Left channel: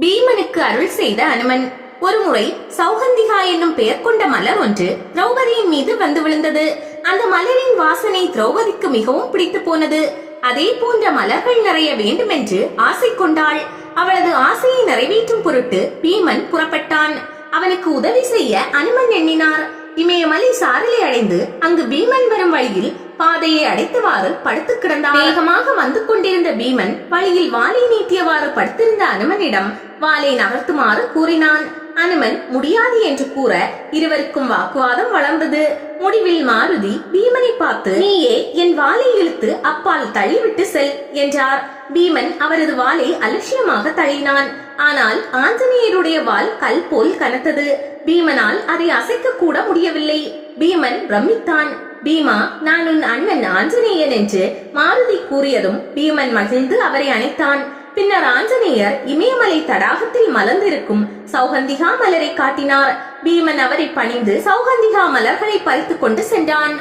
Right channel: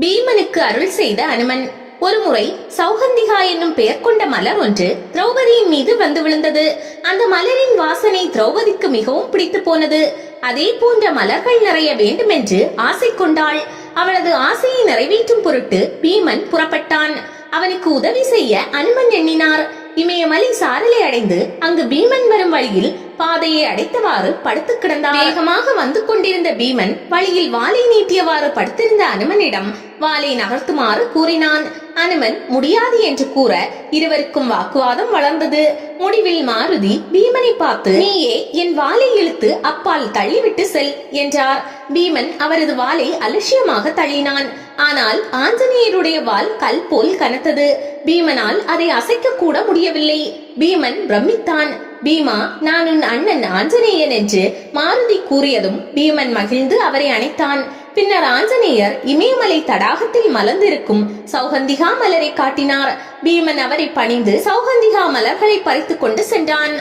பீமனுக்கு அருள் செய்த அனுமன். ஒருமுறை சௌகந்திகா என்னும் பெயர் கொண்ட மலர் ஒன்று திரௌபதியின் மீது வந்து விழுந்தது. அந்த மலரின் வாசனை திரௌபதிக்கு மிகவும் பிடித்து போனது. அதே போன்ற மலர்கள் நிறைய வேண்டுமென்று ஆசை கொண்டாள். அவளது ஆசையை நிறைவேற்றும் பொருட்டு பீமன் புறப்பட்டான். அவனுக்கு உதவி செய்ய அனுமன் எண்ணினார். இமயமலை சாரலை அடைந்து அங்கு பீமன் வரும் வழியில் பாதையை அடைத்தவாறு படுத்து கிடந்தார். வேகமாக வந்து கொண்டிருந்த பீமன் வழியில் வாளை நீட்டியவாறு படுத்திருந்த அனுமனிடம் வாளை நகர்த்துமாறு கூறினான். அனுமன் முடியாது என்று கூற இருவருக்கும் வாக்குவாதம் வளர்ந்தது. முடிவில் மாருதி பீமனை பார்த்து நீயே என் வாலை இழுத்து அப்பால் தள்ளிவிட்டு செல் என்றார். பீமன் அவரது வாலை அலட்சியமாக தள்ளினான். ஆனால் ஆஞ்சநேயருடைய வால் கல் போல் கனத்தது. பீமனால் அதை அசைக்க கூட முடியவில்லை. பீமன் பிரமித்தான். பீமா நான் உன் அண்ணன் ஆஞ்சநேயன் என்று மாருதி கூறியதும் பீமன் மகிழ்ந்து அவரை அணைத்தான். பின்னர் ஆஞ்சநேயர் இமயமலை தடாகத்தில் மலர்ந்திருக்கும் சௌகந்திகா மலரை காட்டினார். பீமன் அவரை பணிந்து சௌகந்திகா மலர்களை பறித்துக் கொண்டு சென்றான்.